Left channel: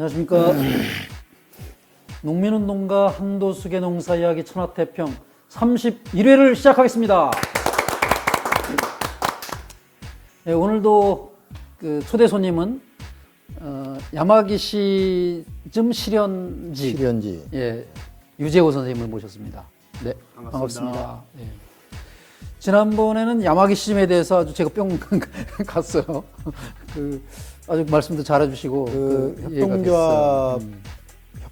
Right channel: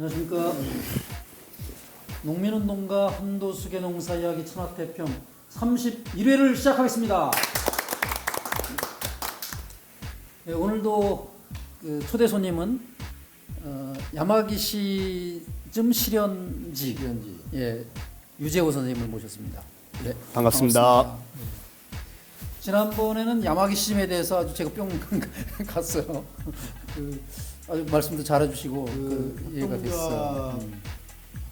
안녕하십니까. 농민운동가 한도숙의 농사이야기 천하태평 31회를 시작하겠습니다. 네, 오늘도 그 초대 손님은 야마기 시즘 실현지 예, 유재호 선생님을 모셨습니다. 네, 반갑습니다. 네. 지난번에는 야마기 시즘에 대해서 아주 제가 뿅 갔어요. 아주 말씀도 잘해주시고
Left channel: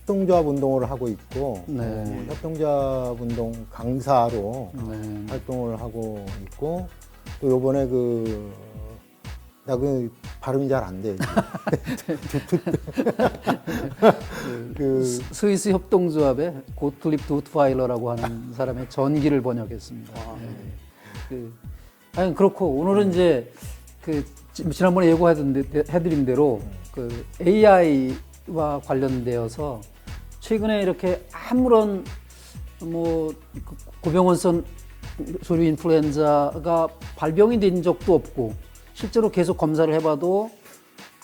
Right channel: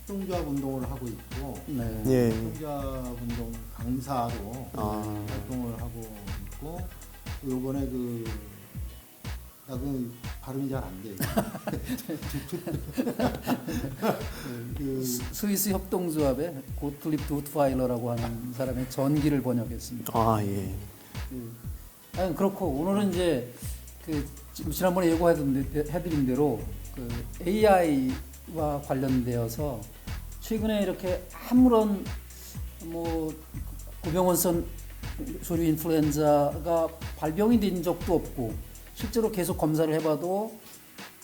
협동조합 운동을 하고 있고, 네. 예, 협동조합 운동 강사로 활동을 하고 있고, 또 요번에 발음이 잘 안 돼. 스위스 협동조합의 고틀립 도트파일러라고 하는 사람의 전기를 번역했습니다. 아, 예. 아니 그렇고 오늘은 이제 지난번에 예고해드린 대로 AI와 관련되어서 최근에 이렇게 아무런 고병원성 조류 인플루엔자가 발병이 된 적도 없고 실제로 계속 검사를 해봐도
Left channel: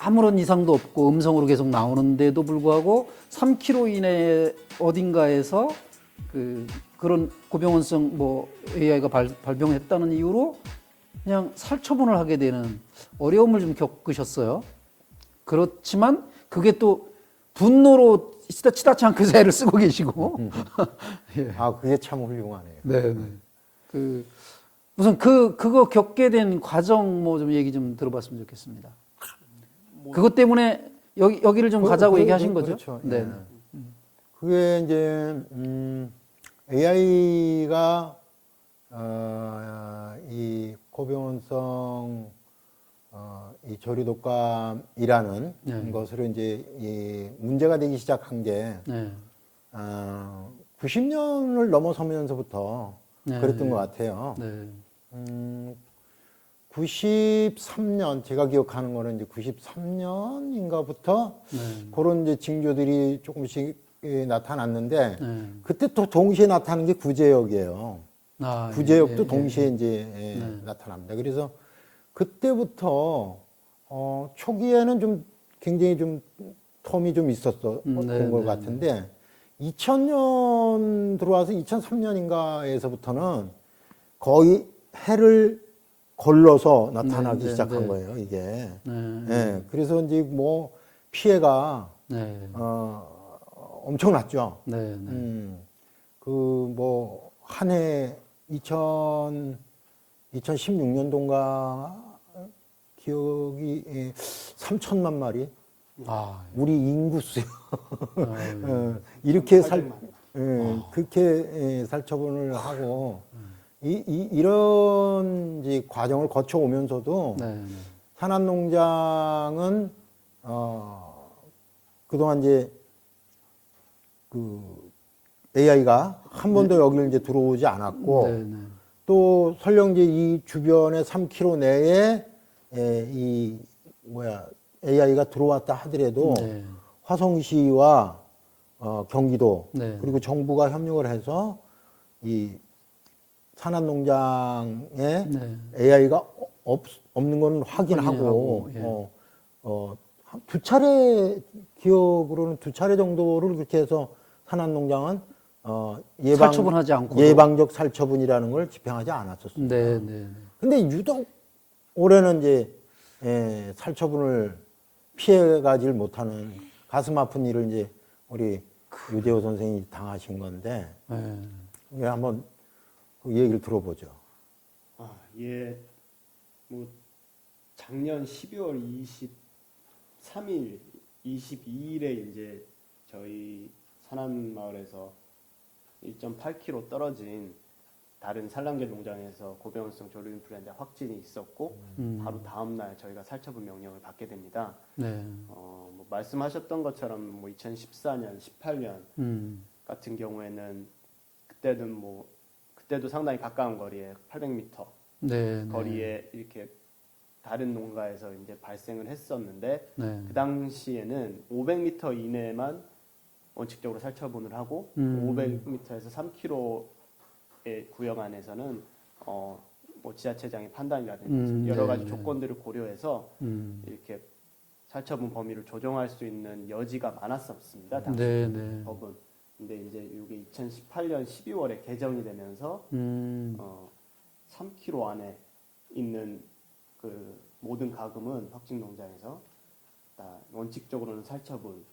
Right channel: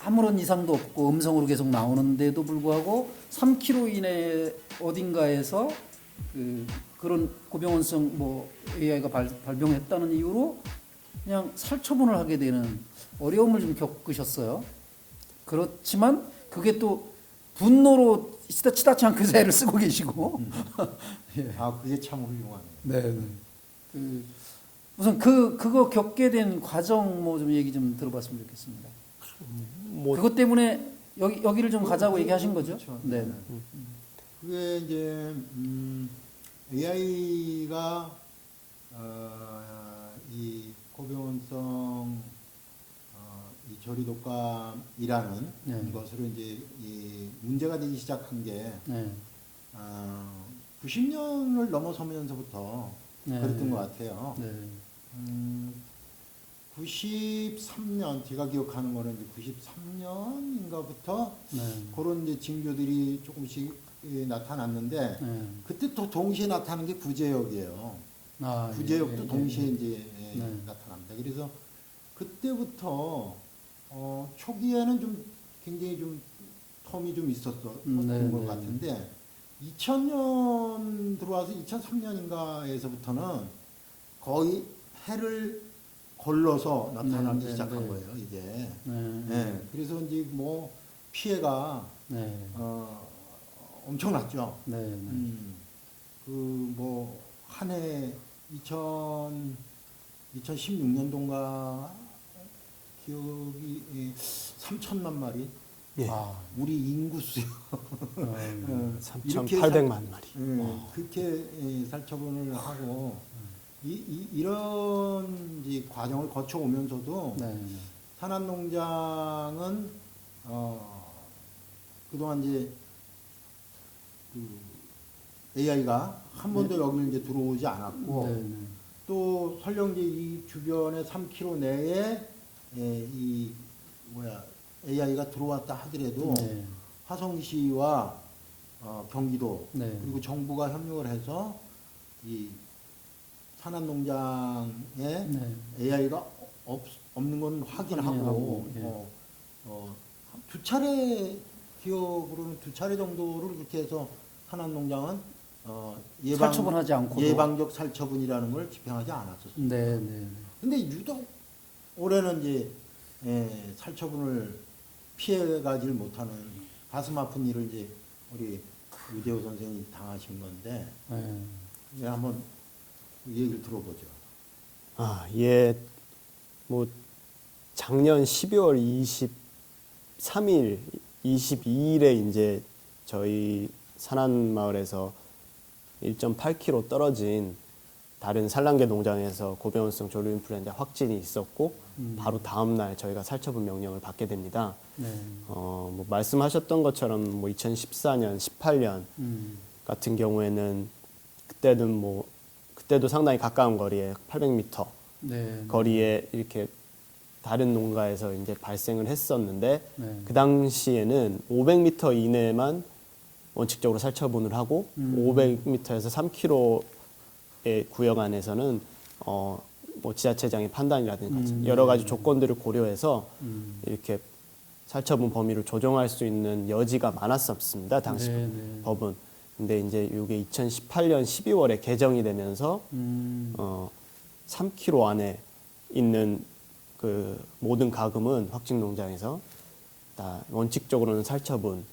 아무런 이상도 없고 음성으로 계속 나오는데도 불구하고 3km 이내에 어딘가에서 그런 고병원성 AI가 발병했다는 이유로 그냥 살처분을 하게 되는 어려움을 좀 겪으셨어요. 그렇지만 그게 또 분노로 치닫지 않고 애를 쓰고 계시고. 예. 아, 그게 참 훌륭하네요. 네. 우선 그거 겪게 된 과정 좀 얘기 좀 들어봤으면 좋겠습니다. 그것 때문에 여기를 좀 가자고 얘기하신 거죠? 그렇죠. 네. 그게 이제 AI가 이 고병원성 이 조류 독감이라는 것으로 이제 이 문제가 되기 시작한 게 90년을 넘어서면서부터 그랬던 것 같아요. 93년 제가 기억하는 거는 이제 93년인가부터 그런 이제 징조들이 조금씩 나타났는데 그때 또 동시에 나타나는 게 구제역이에요. 구제역도 동시에 이제 나타납니다. 그래서 그때부터 초기에는 좀 굉장히 좀 텀이 좀 있었던 것 같은데 2000년 들어와서 2003년인가에서부터는 거의 해를 걸러서 나타나기 시작한 거예요, 이게. 네, 그래서 이제 피해가 엄청났죠. 한 해 2016년도인가 기억이 3천만 마리. 예. 우리 인구수요. 이렇게 800만 마리. 그렇게 살처분을 하고 이런 이제 과정을 거쳐 오면서도 산안농장은 그동안 이제 AI가 한 번도 여기를 이제 들어오지 않았고 또 설령 이제 이 주변의 3km 내에 AI가 들어왔다 하더라도 화성시와 경기도 그리고 정부가 협력을 해서 이 산안농장에 AI가 없는 건 확인하고 두 차례 기억으로는 두 차례 정도를 그렇게 해서 산안농장은 살처분하지 않고 예방적 살처분이라는 걸 집행하지 않았었습니다. 근데 유독 올해는 이제 살처분을 피해가질 못하는 가슴 아픈 일을 이제 우리 유재호 선생이 당하신 건데 이제 한번 그 얘기를 들어보죠. 예. 작년 12월 23일, 22일에 이제 저희 산안마을에서 1.8km 떨어진 다른 산란계 농장에서 고병원성 조류 인플루엔자 확진이 있었고 바로 다음 날 저희가 살처분 명령을 받게 됩니다. 말씀하셨던 것처럼 2014년, 18년 같은 경우에는 그때도 상당히 가까운 거리에 800m 거리에 이렇게 다른 농가에서 이제 발생을 했었는데 그 당시에는 500m 이내만 원칙적으로 살처분을 하고 500m에서 3km의 구역 안에서는 지자체장의 판단이라든지 여러 가지 조건들을 고려해서 이렇게 살처분 범위를 조정할 수 있는 여지가 많았었습니다. 당시 네, 네. 법은. 근데 이제 이게 2018년 12월에 개정이 되면서 3km 안에 있는 그 모든 가금은 확진 농장에서 다 원칙적으로는 살처분을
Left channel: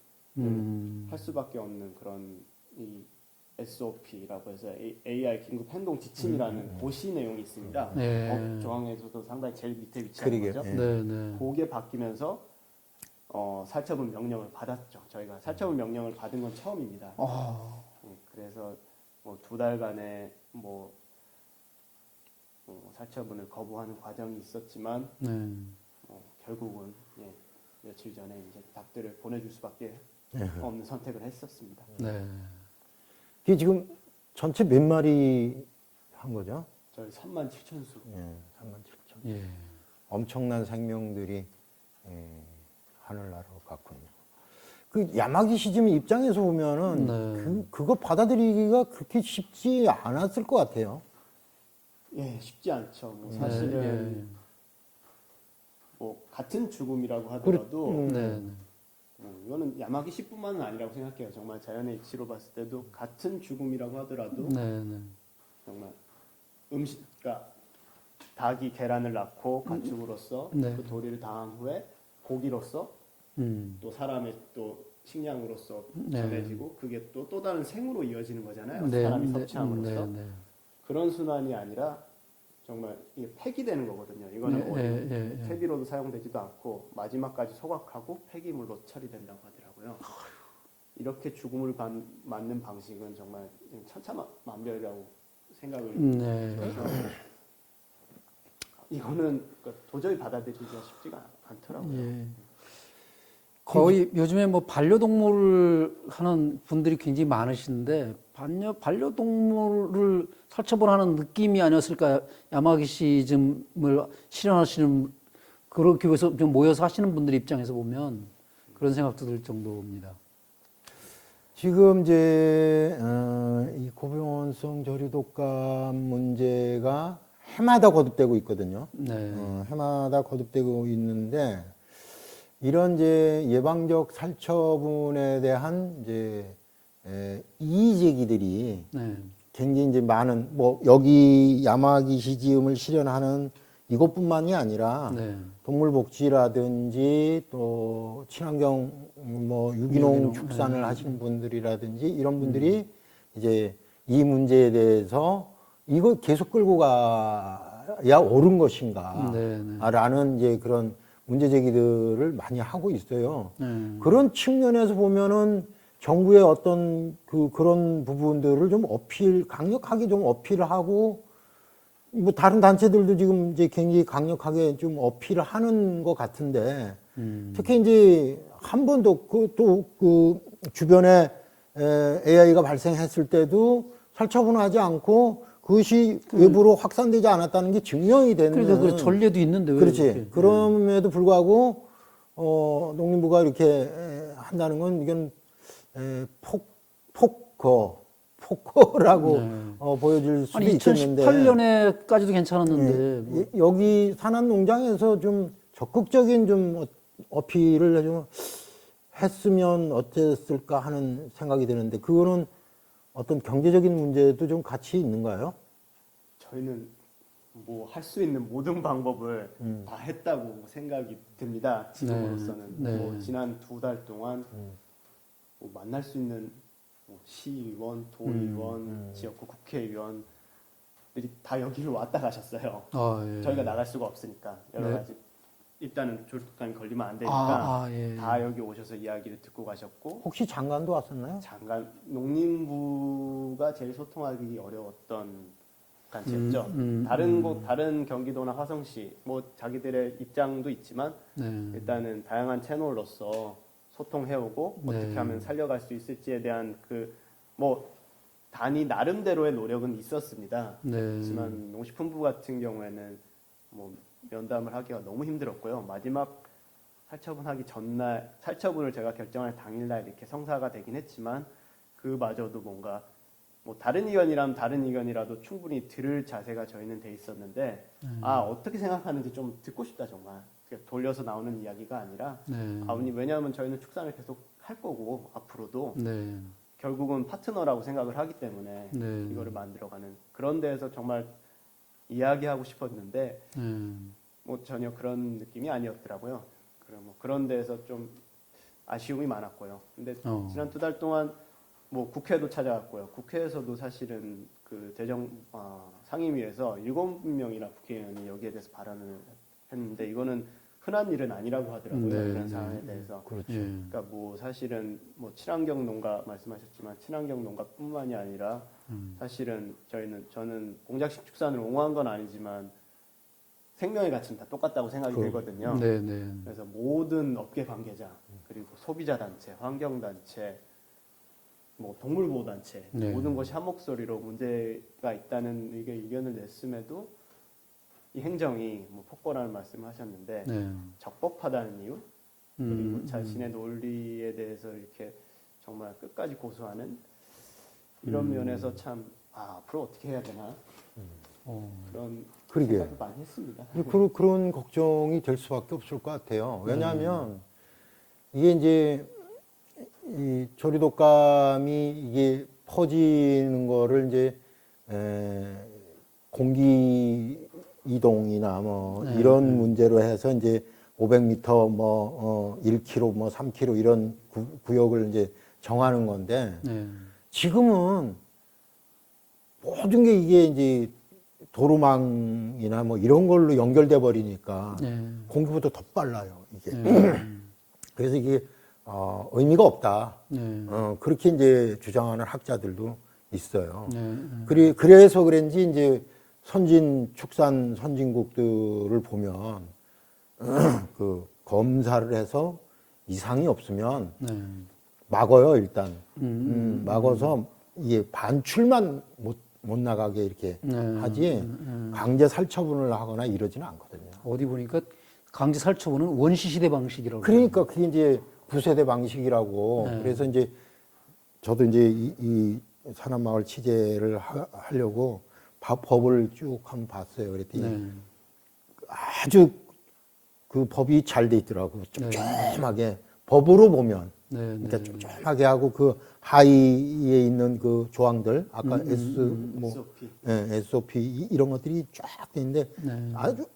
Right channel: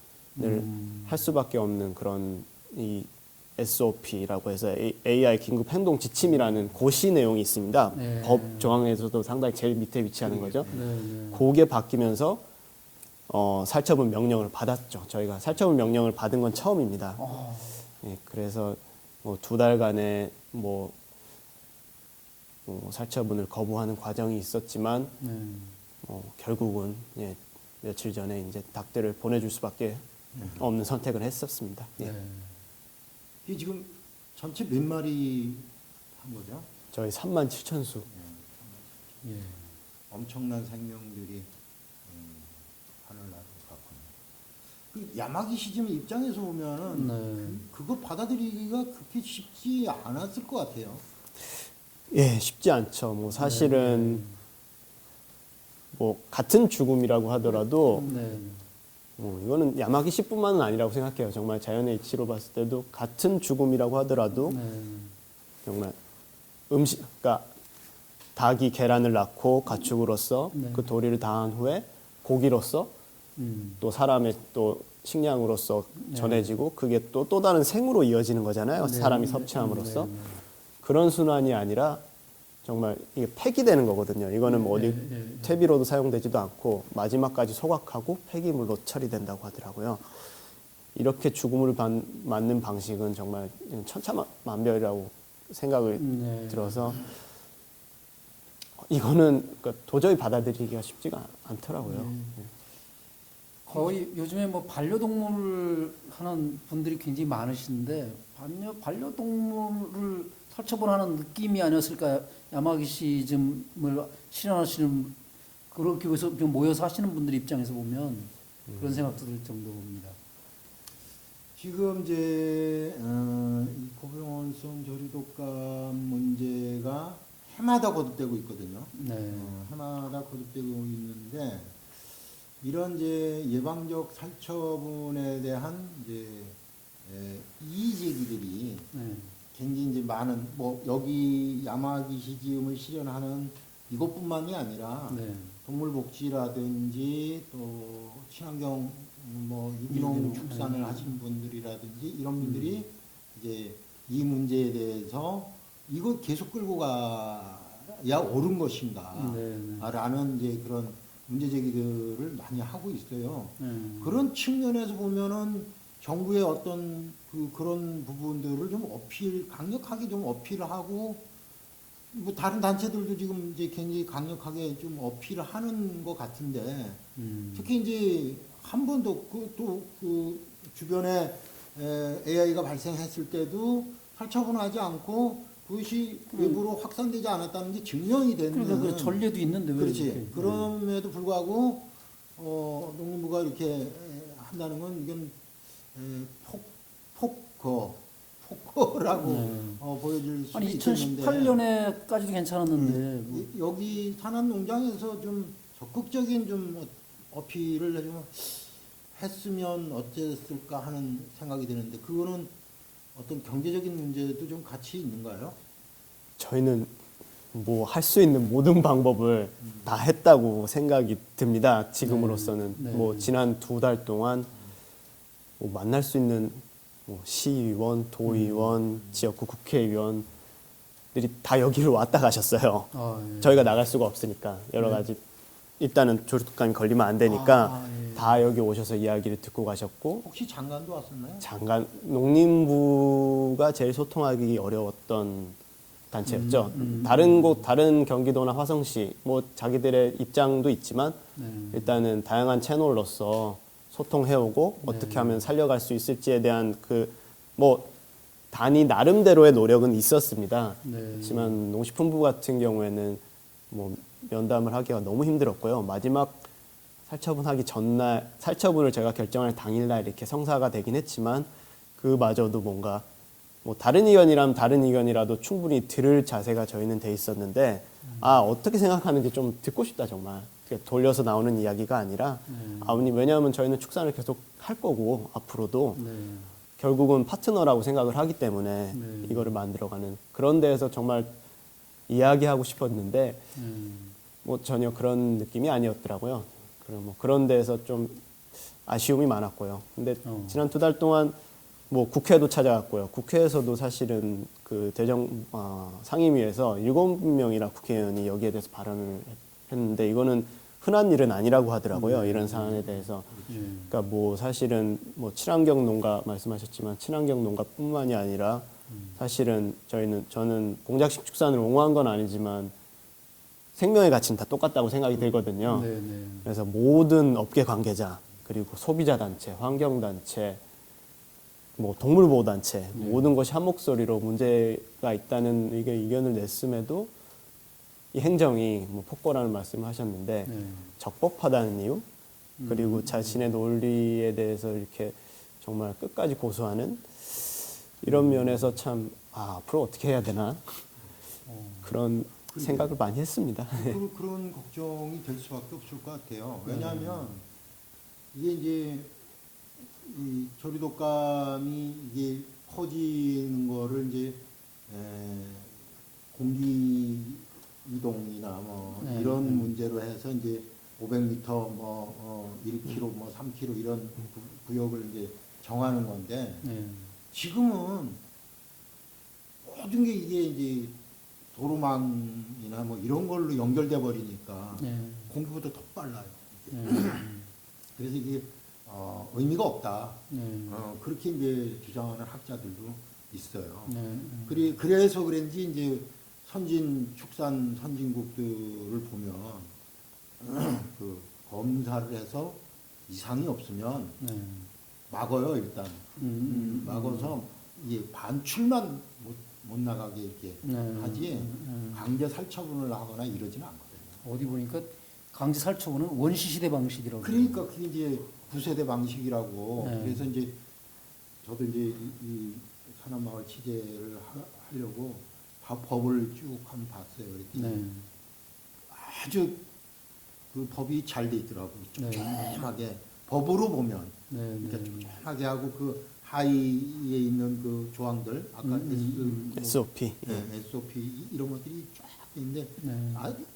할 수밖에 없는 그런 이 SOP라고 해서 AI 긴급 행동 지침이라는 고시 내용이 있습니다. 네. 법 조항에서도 상당히 제일 밑에 위치하는 거죠. 네. 네, 네. 그게 바뀌면서 살처분 명령을 받았죠. 저희가 살처분 명령을 받은 건 처음입니다. 예, 그래서 뭐 2달간의 살처분을 거부하는 과정이 있었지만 결국은 예, 며칠 전에 이제 닭들을 보내줄 수밖에 없는 선택을 했었습니다. 네. 이게 지금 전체 몇 마리 한 거죠? 저희 37,000수. 예. 엄청난 생명들이 하늘나라로 갔군요. 그 야마기 시즘 입장에서 보면은 그거 받아들이기가 그렇게 쉽지 않았을 것 같아요. 예, 쉽지 않죠. 뭐 사실은 뭐 같은 죽음이라고 하더라도 이거는 야마기 씨뿐만은 아니라고 생각해요. 정말 자연의 이치로 봤을 때도 같은 죽음이라고 하더라도 정말 그러니까 닭이 계란을 낳고 가축으로서 그 도리를 다한 후에 고기로서 또 사람의 또 식량으로서 전해지고 그게 또 다른 생으로 이어지는 거잖아요. 사람이 섭취함으로써 그런 순환이 아니라 정말 이게 폐기되는 거거든요. 이거는 뭐 어디 퇴비로도 사용되지도 않고 마지막까지 소각하고 폐기물로 처리된다고 하더라고요. 이렇게 죽음을 맞는 방식은 정말 천차만별이라고 생각을 들어서 이거는 그러니까 도저히 받아들이기가 쉽지가 않더라고요. 거의 요즘에 뭐 반려동물을 하는 분들이 굉장히 많으신데 반려동물을 살처분하는 느낌이 아니었을까? 야마기 시즘을 실현하시는 그렇게 해서 좀 모여서 하시는 분들 입장에서 보면 그런 생각도 들 정도입니다. 지금 이제 이 고병원성 저류독감 문제가 해마다 거듭되고 있거든요. 해마다 거듭되고 있는데 이런 이제 예방적 살처분에 대한 이제 이의제기들이 굉장히 이제 많은 뭐 여기 야마기 시지음을 실현하는 이것뿐만이 아니라 동물복지라든지 또 친환경 뭐 유기농 축산을 하신 분들이라든지 이런 분들이 이제 이 문제에 대해서 이거 계속 끌고 가야 옳은 것인가 라는 이제 그런 문제 제기들을 많이 하고 있어요. 그런 측면에서 보면은 정부의 어떤 그런 부분들을 좀 강력하게 좀 어필을 하고, 뭐 다른 단체들도 지금 이제 굉장히 강력하게 좀 어필을 하는 것 같은데, 특히 이제 한 번도 그 주변에 AI가 발생했을 때도 살처분하지 않고 그것이 외부로 확산되지 않았다는 게 증명이 되는. 그러니까 그 전례도 있는데 왜 그렇지. 이렇게. 그럼에도 불구하고 농림부가 이렇게 한다는 건 이건 폭거라고 보여질 수도 아니, 있겠는데 2018년에까지도 괜찮았는데 여기 산한 농장에서 좀 적극적인 좀 어필을 좀 했으면 어땠을까 하는 생각이 드는데 그거는 어떤 경제적인 문제도 좀 같이 있는가요? 저희는 뭐 할 수 있는 모든 방법을 다 했다고 생각이 듭니다. 지금으로서는 뭐 지난 2달 동안 뭐 만날 수 있는 뭐 시의원, 도의원, 지역구 국회의원들이 다 여기로 왔다 가셨어요. 저희가 나갈 수가 없으니까 여러 가지 일단은 조류독감이 걸리면 안 되니까 다 여기 오셔서 이야기를 듣고 가셨고. 혹시 장관도 왔었나요? 장관, 농림부가 제일 소통하기 어려웠던 단체였죠. 다른 경기도나 화성시, 뭐 자기들의 입장도 있지만 일단은 다양한 채널로서 소통해오고 어떻게 하면 살려갈 수 있을지에 대한 뭐 단위 나름대로의 노력은 있었습니다. 하지만 농식품부 같은 경우에는 뭐 면담을 하기가 너무 힘들었고요. 마지막 살처분하기 전날, 살처분을 제가 결정할 당일날 이렇게 성사가 되긴 했지만 그마저도 뭔가 뭐 다른 의견이라면 다른 의견이라도 충분히 들을 자세가 저희는 돼 있었는데 어떻게 생각하는지 좀 듣고 싶다 정말. 이렇게 돌려서 나오는 이야기가 아니라 아버님 왜냐하면 저희는 축산을 계속 할 거고 앞으로도 네. 결국은 파트너라고 생각을 하기 때문에 네. 이거를 만들어가는 그런 데에서 정말 이야기하고 싶었는데 뭐 전혀 그런 느낌이 아니었더라고요. 그리고 뭐 그런 데에서 좀 아쉬움이 많았고요. 근데 지난 2달 동안 뭐 국회도 찾아갔고요. 국회에서도 사실은 그 상임위에서 7명이나 국회의원이 여기에 대해서 발언을 했는데 이거는 흔한 일은 아니라고 하더라고요. 이런 사안에 대해서. 그러니까 뭐 사실은 뭐 친환경 농가 말씀하셨지만 친환경 농가뿐만이 아니라 사실은 저는 공작식 축산을 옹호한 건 아니지만 생명의 가치는 다 똑같다고 생각이 들거든요. 네, 네. 그래서 모든 업계 관계자 그리고 소비자 단체, 환경 단체, 뭐 동물보호 단체 모든 것이 한 목소리로 문제가 있다는 의견을 냈음에도 이 행정이 뭐 폭거라는 말씀을 하셨는데 적법하다는 이유 그리고 자신의 논리에 대해서 이렇게 정말 끝까지 고수하는 이런 면에서 참 앞으로 어떻게 해야 되나 그런 그러게요. 생각을 많이 했습니다. 그런 걱정이 될 수밖에 없을 것 같아요. 왜냐하면 이게 이제 이 조류독감이 이게 퍼지는 거를 이제 공기 이동이나 뭐 이런 문제로 해서 이제 500m 뭐 1km 뭐 3km 이런 구역을 이제 정하는 건데 지금은 모든 게 이게 이제 도로망이나 뭐 이런 걸로 연결돼 버리니까 공기보다 더 빨라요 이게. 그래서 이게 의미가 없다. 그렇게 이제 주장하는 학자들도 있어요. 그래서 그런지 이제 축산 선진국들을 보면 그 검사를 해서 이상이 없으면 막어요 일단. 막아서 이게 반출만 못 나가게 이렇게 하지 강제 살처분을 하거나 이러지는 않거든요. 어디 보니까 강제 살처분은 원시시대 방식이라고. 그러니까 그게 이제 9세대 방식이라고. 그래서 이제 저도 이제 이 산안마을 취재를 하려고 법을 쭉 한번 봤어요. 그랬더니 아주 그 법이 잘 돼 있더라고요. 촘촘하게 법으로 보면 그러니까 촘촘하게 하고 그 하위에 있는 그 조항들 아까 SOP SOP 이런 것들이 쫙 돼 있는데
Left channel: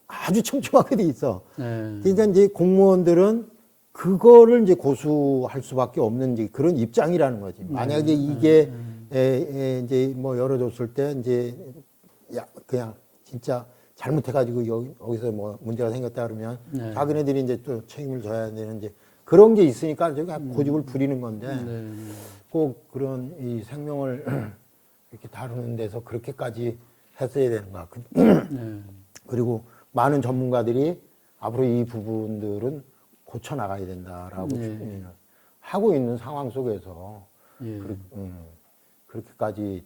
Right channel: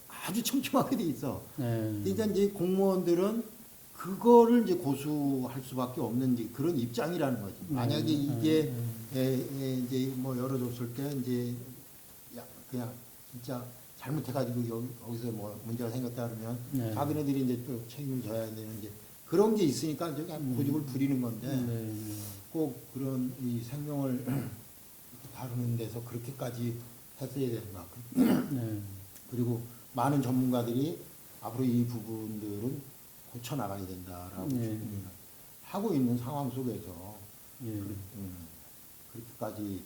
아주 촘촘하게 돼 있어. 그러니까 이제 공무원들은 그거를 이제 고수할 수밖에 없는 이제 그런 입장이라는 거지. 만약에 이게 이제 뭐 열어줬을 때 이제 그냥 진짜 잘못해가지고 여기서 뭐 문제가 생겼다 그러면 자기네들이 이제 또 책임을 져야 되는 이제 그런 게 있으니까 저기 고집을 부리는 건데 꼭 그런 이 생명을 이렇게 다루는 데서 그렇게까지 했어야 되는가. 그리고 많은 전문가들이 앞으로 이 부분들은 고쳐 나가야 된다라고 하고 있는 상황 속에서 그렇게까지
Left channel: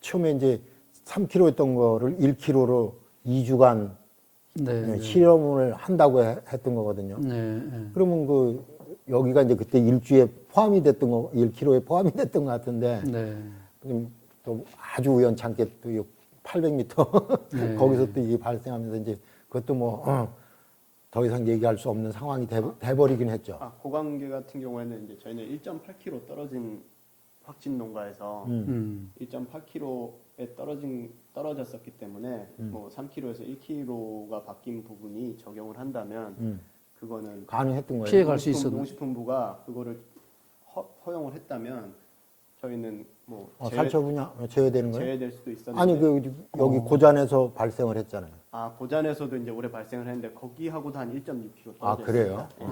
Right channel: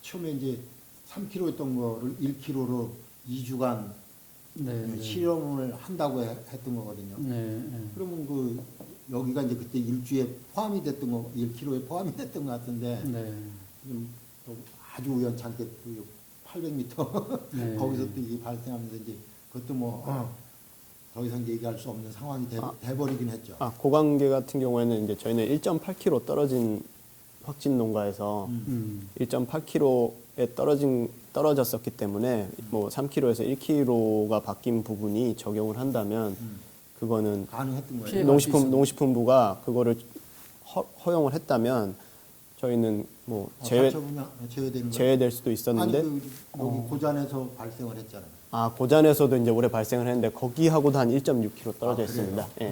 처음에 이제 3kg였던 거를 1kg로 2주간 실험을 한다고 했던 거거든요. 그러면 그 여기가 이제 그때 일주에 포함이 됐던 거, 1kg에 포함이 됐던 것 같은데 또 아주 우연찮게 또 800m 거기서 또 이게 발생하면서 이제 그것도 뭐 더 이상 얘기할 수 없는 상황이 돼버리긴 했죠. 고관계 같은 경우에는 이제 저희는 1.8km 떨어진 확진 농가에서 1.8km에 떨어졌었기 때문에 뭐 3km에서 1km가 바뀐 부분이 적용을 한다면 그거는 가능했던 거예요. 농식품부가 그거를 허용을 했다면 저희는 뭐 제외되는 거예요? 제외될 수도 있었는데 아니 여기 고잔에서 발생을 했잖아요. 고잔에서도 이제 올해 발생을 했는데 거기하고도 한 1.6km 떨어져 있습니다. 예.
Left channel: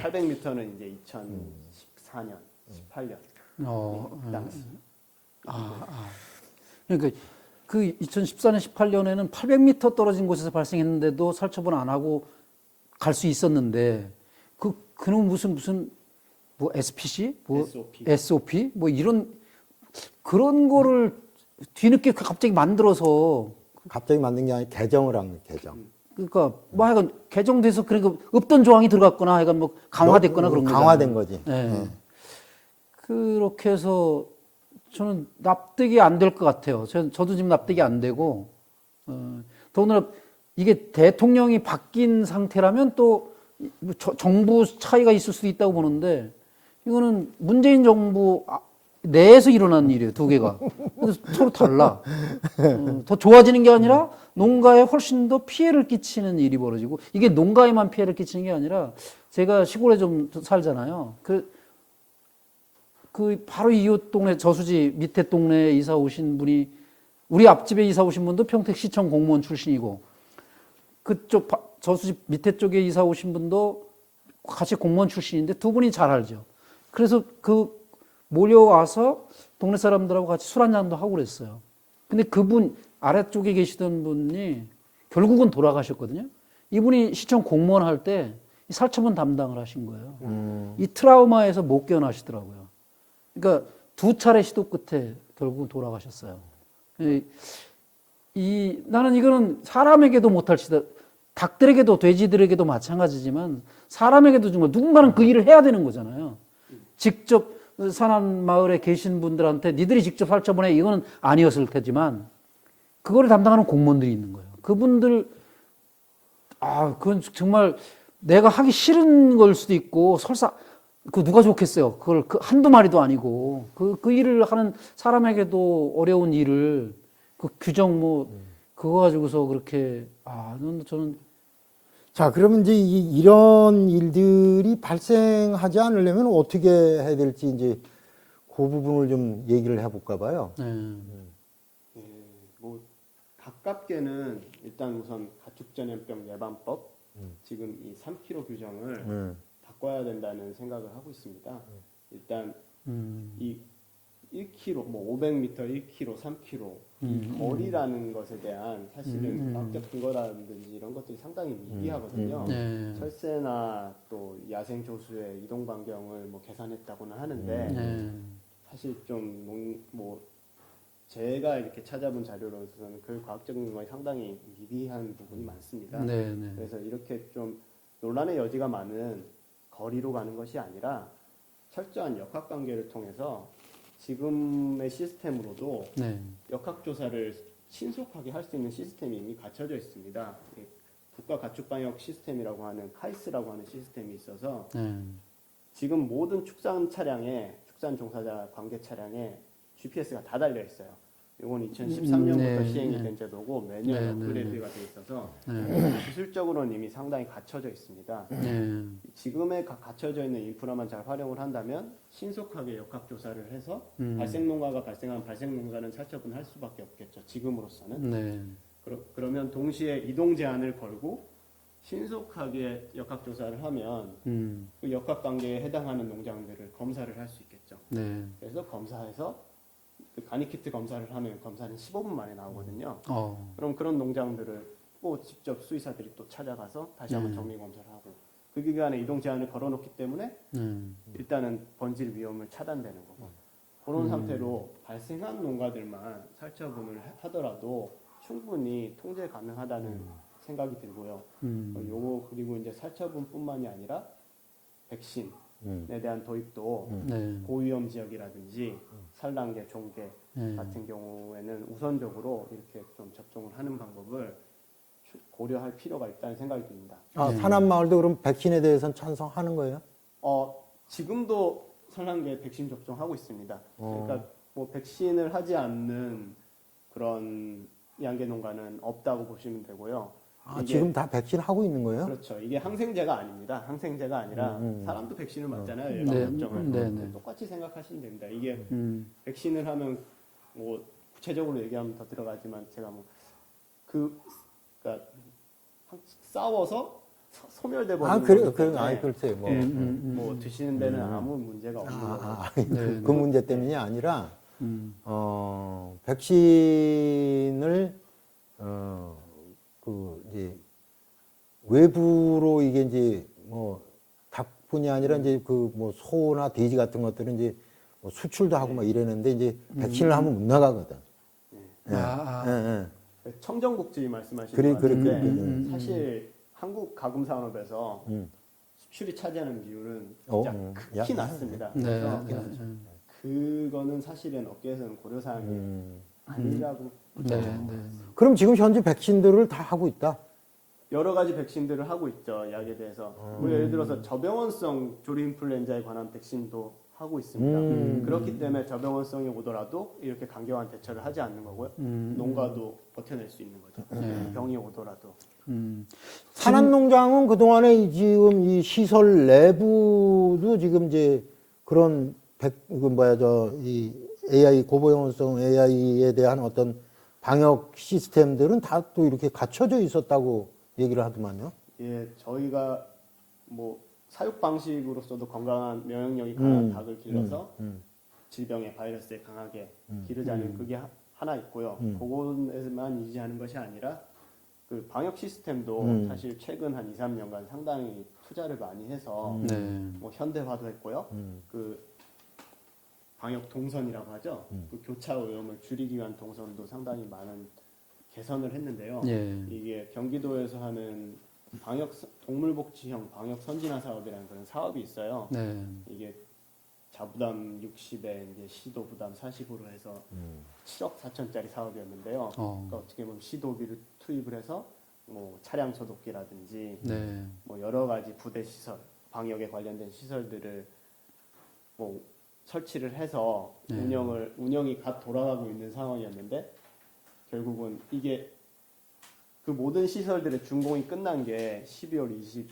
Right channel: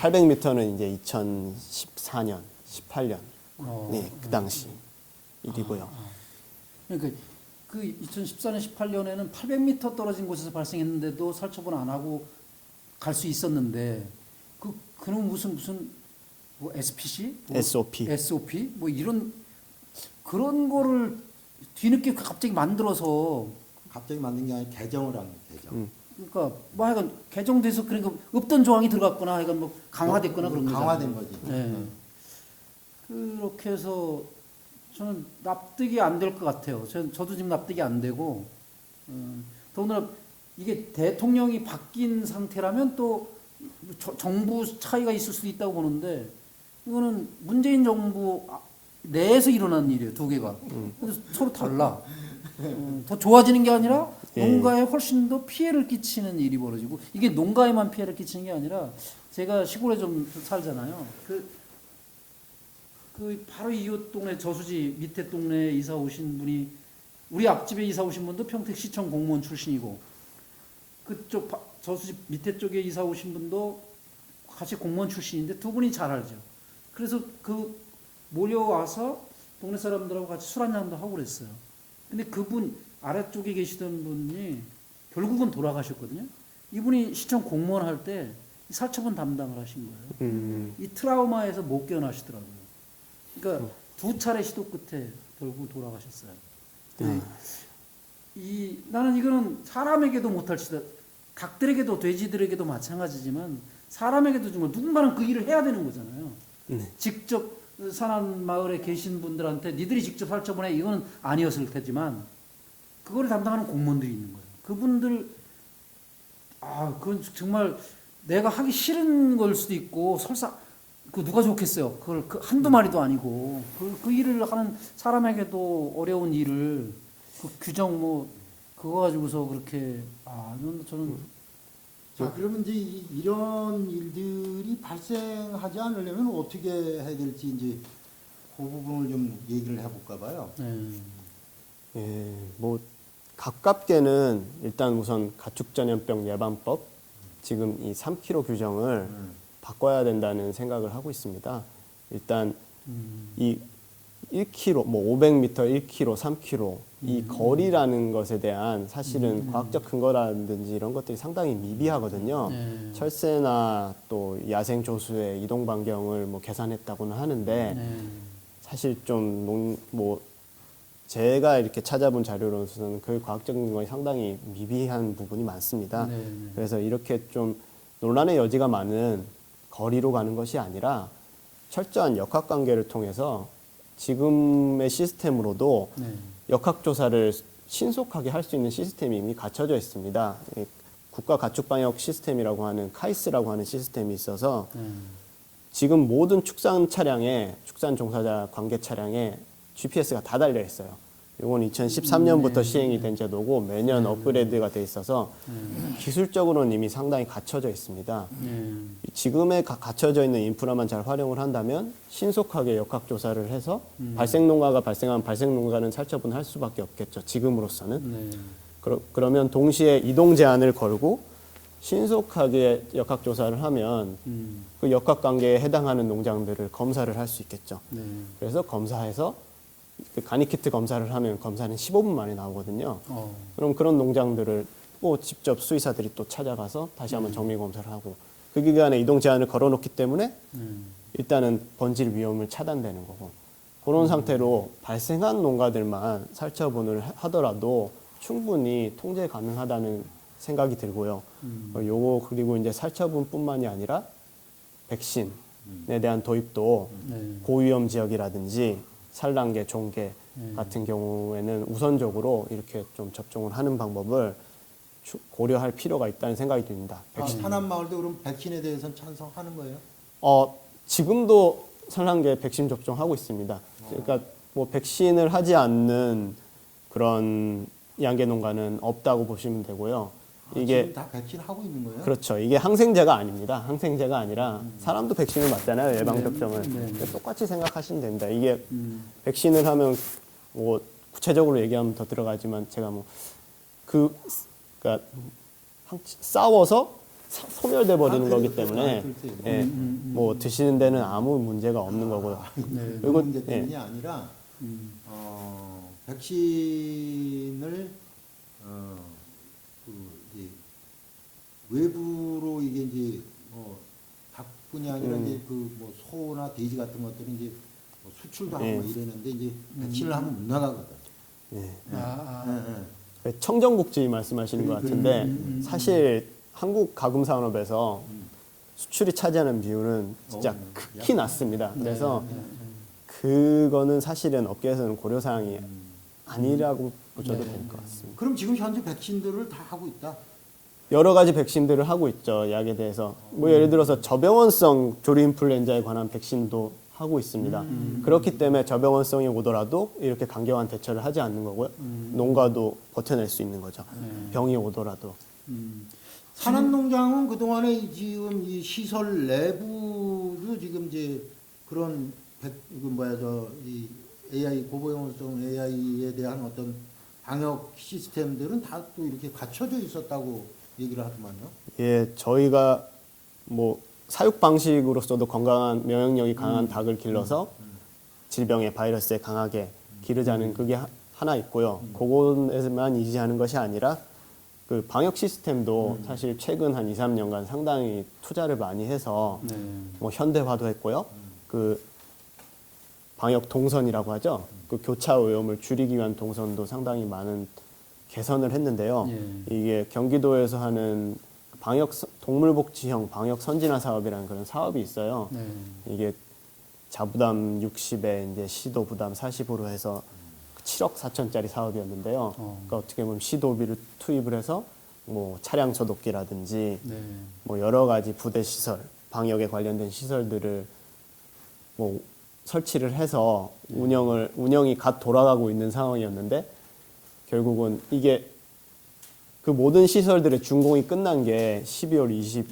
800m는 이제 2014년, 18년 그 당시 일이고요. 그러니까 그 2014년, 18년에는 800m 떨어진 곳에서 발생했는데도 살처분 안 하고 갈 수 있었는데 그는 무슨 뭐 SPC, 뭐 SOP, 뭐 이런 그런 거를 뒤늦게 갑자기 만들어서 갑자기 만든 게 아니라 개정을 한 거예요. 개정. 그러니까 뭐 하여간 개정돼서 그러니까 없던 조항이 들어갔거나 하여간 뭐 강화됐거나 그런 거죠. 강화된 거지. 그렇게 해서 저는 납득이 안 될 것 같아요. 저도 지금 납득이 안 되고 더군다나 이게 대통령이 바뀐 상태라면 또 정부 차이가 있을 수도 있다고 보는데 이거는 문재인 정부 내에서 일어난 일이에요. 두 개가. 그래서 서로 달라. 더 좋아지는 게 아니라 농가에 훨씬 더 피해를 끼치는 일이 벌어지고 이게 농가에만 피해를 끼치는 게 아니라 제가 시골에 좀 살잖아요. 그 바로 이웃 동네 저수지 밑에 동네에 이사 오신 분이 우리 앞집에 이사 오신 분도 평택시청 공무원 출신이고 그쪽 저수지 밑에 쪽에 이사 오신 분도 같이 공무원 출신인데 두 분이 잘 알죠. 그래서 그 몰려와서 동네 사람들하고 같이 술 한잔도 하고 그랬어요. 근데 그분 아래쪽에 계시던 분이 결국은 돌아가셨거든요. 이분이 시청 공무원 할 때 살처분 담당을 하신 거예요. 이 트라우마에서 못 깨어나시더라고요. 그러니까 두 차례 시도 끝에 결국 돌아가셨어요. 나는 이거는 사람에게도 못할 시다. 닭들에게도 돼지들에게도 마찬가지지만 사람에게도 정말 누군가는 그 일을 해야 되는 거잖아요. 직접 산한 마을에 계신 분들한테 니들이 직접 살처분해 이거는 아니었을 테지만 그거를 담당하는 공무원들이 있는 거예요. 그분들 그건 정말 내가 하기 싫은 걸 수도 있고 설사 그 누가 좋겠어요. 그걸 한두 마리도 아니고 그 일을 하는 사람에게도 어려운 일을 그 규정 그거 가지고서 그렇게 저는 자, 그러면 이제 이런 일들이 발생하지 않으려면 어떻게 해야 될지 이제 그 부분을 좀 얘기를 해볼까 봐요. 예, 뭐 가깝게는 일단 우선 가축전염병 예방법 지금 이 3kg 규정을 바꿔야 된다는 생각을 하고 있습니다. 일단 이 1km, 뭐 500m, 1km, 3km 이 거리라는 것에 대한 사실은 과학적 근거라든지 이런 것들이 상당히 미비하거든요. 철새나 또 야생 조수의 이동 반경을 뭐 계산했다고는 하는데 사실 좀 제가 이렇게 찾아본 자료로서는 그 과학적 근거가 상당히 미비한 부분이 많습니다. 그래서 이렇게 좀 논란의 여지가 많은 거리로 가는 것이 아니라 철저한 역학관계를 통해서 지금의 시스템으로도 역학조사를 신속하게 할 수 있는 시스템이 이미 갖춰져 있습니다. 국가가축방역 시스템이라고 하는 카이스라고 하는 시스템이 있어서 지금 모든 축산 차량에 축산 종사자 관계 차량에 GPS가 다 달려 있어요. 이건 2013년부터 시행이 된 제도고 매년 업그레이드가 돼 있어서 기술적으로는 이미 상당히 갖춰져 있습니다. 지금에 갖춰져 있는 인프라만 잘 활용을 한다면 신속하게 역학조사를 해서 발생농가가 발생한 발생농가는 살처분할 수밖에 없겠죠. 지금으로서는. 그러면 동시에 이동 제한을 걸고 신속하게 역학조사를 하면 그 역학관계에 해당하는 농장들을 검사를 할 수 있겠죠. 그래서 검사해서 그 간이키트 검사를 하면 검사는 15분 만에 나오거든요. 그럼 그런 농장들을 또 직접 수의사들이 또 찾아가서 다시 한번 정밀 검사를 하고 그 기간에 이동 제한을 걸어놓기 때문에 일단은 번질 위험을 차단되는 거고 그런 상태로 발생한 농가들만 살처분을 하더라도 충분히 통제 가능하다는 생각이 들고요. 요거 그리고 이제 살처분뿐만이 아니라 백신에 대한 도입도 고위험 지역이라든지 산란계, 종계 같은 경우에는 우선적으로 이렇게 좀 접종을 하는 방법을 고려할 필요가 있다는 생각이 듭니다. 산안마을도 그럼 백신에 대해서는 찬성하는 거예요? 지금도 산란계 백신 접종하고 있습니다. 그러니까 뭐 백신을 하지 않는 그런 양계 농가는 없다고 보시면 되고요. 이게 지금 다 백신 하고 있는 거예요? 그렇죠. 이게 항생제가 아닙니다. 항생제가 아니라 사람도 백신을 맞잖아요. 예방 접종을. 똑같이 생각하시면 됩니다. 이게 백신을 하면 뭐 구체적으로 얘기하면 더 들어가지만 제가 그러니까 싸워서 소멸돼 버리는 거기 때문에 뭐 드시는 데는 아무 문제가 없는 거고요. 그 문제 때문이 아니라 백신을 이제 외부로 이게 이제 뭐 닭뿐이 아니라 이제 그 뭐 소나 돼지 같은 것들은 이제 뭐 수출도 하고 막 이러는데 이제 백신을 하면 못 나가거든. 청정국지 말씀하시는 것 같은데 사실 한국 가금 산업에서 수출이 차지하는 비율은 진짜 극히 낮습니다. 그래서 그거는 사실은 업계에서는 고려 사항이 아니라고 보셔야 될 것 같습니다. 그럼 지금 현재 백신들을 다 하고 있다. 여러 가지 백신들을 하고 있죠. 약에 대해서. 뭐 예를 들어서 저병원성 조류인플루엔자에 관한 백신도 하고 있습니다. 그렇기 때문에 저병원성이 오더라도 이렇게 강경한 대처를 하지 않는 거고요. 농가도 버텨낼 수 있는 거죠. 병이 오더라도. 산업농장은 그동안에 지금 이 시설 내부도 지금 이제 그런 이 AI 고보영성 AI에 대한 어떤 방역 시스템들은 다 또 이렇게 갖춰져 있었다고 얘기를 하더만요. 예, 저희가 뭐 사육 방식으로서도 건강한 면역력이 강한 닭을 길러서 질병에 바이러스에 강하게 기르자는 그게 하나 있고요. 그곳에만 의지하는 것이 아니라 그 방역 시스템도 사실 최근 한 2, 3년간 상당히 투자를 많이 해서 뭐 현대화도 했고요. 그 방역 동선이라고 하죠. 그 교차 오염을 줄이기 위한 동선도 상당히 많은 개선을 했는데요. 이게 경기도에서 하는 방역 동물복지형 방역 선진화 사업이라는 그런 사업이 있어요. 이게 자부담 60에 이제 시도 부담 40으로 해서 7억 4천짜리 사업이었는데요. 그러니까 어떻게 보면 시도비를 투입을 해서 뭐 차량 소독기라든지 뭐 여러 가지 부대 시설, 방역에 관련된 시설들을 뭐 설치를 해서 운영이 갓 돌아가고 있는 상황이었는데 결국은 이게 그 모든 시설들의 준공이 끝난 게 12월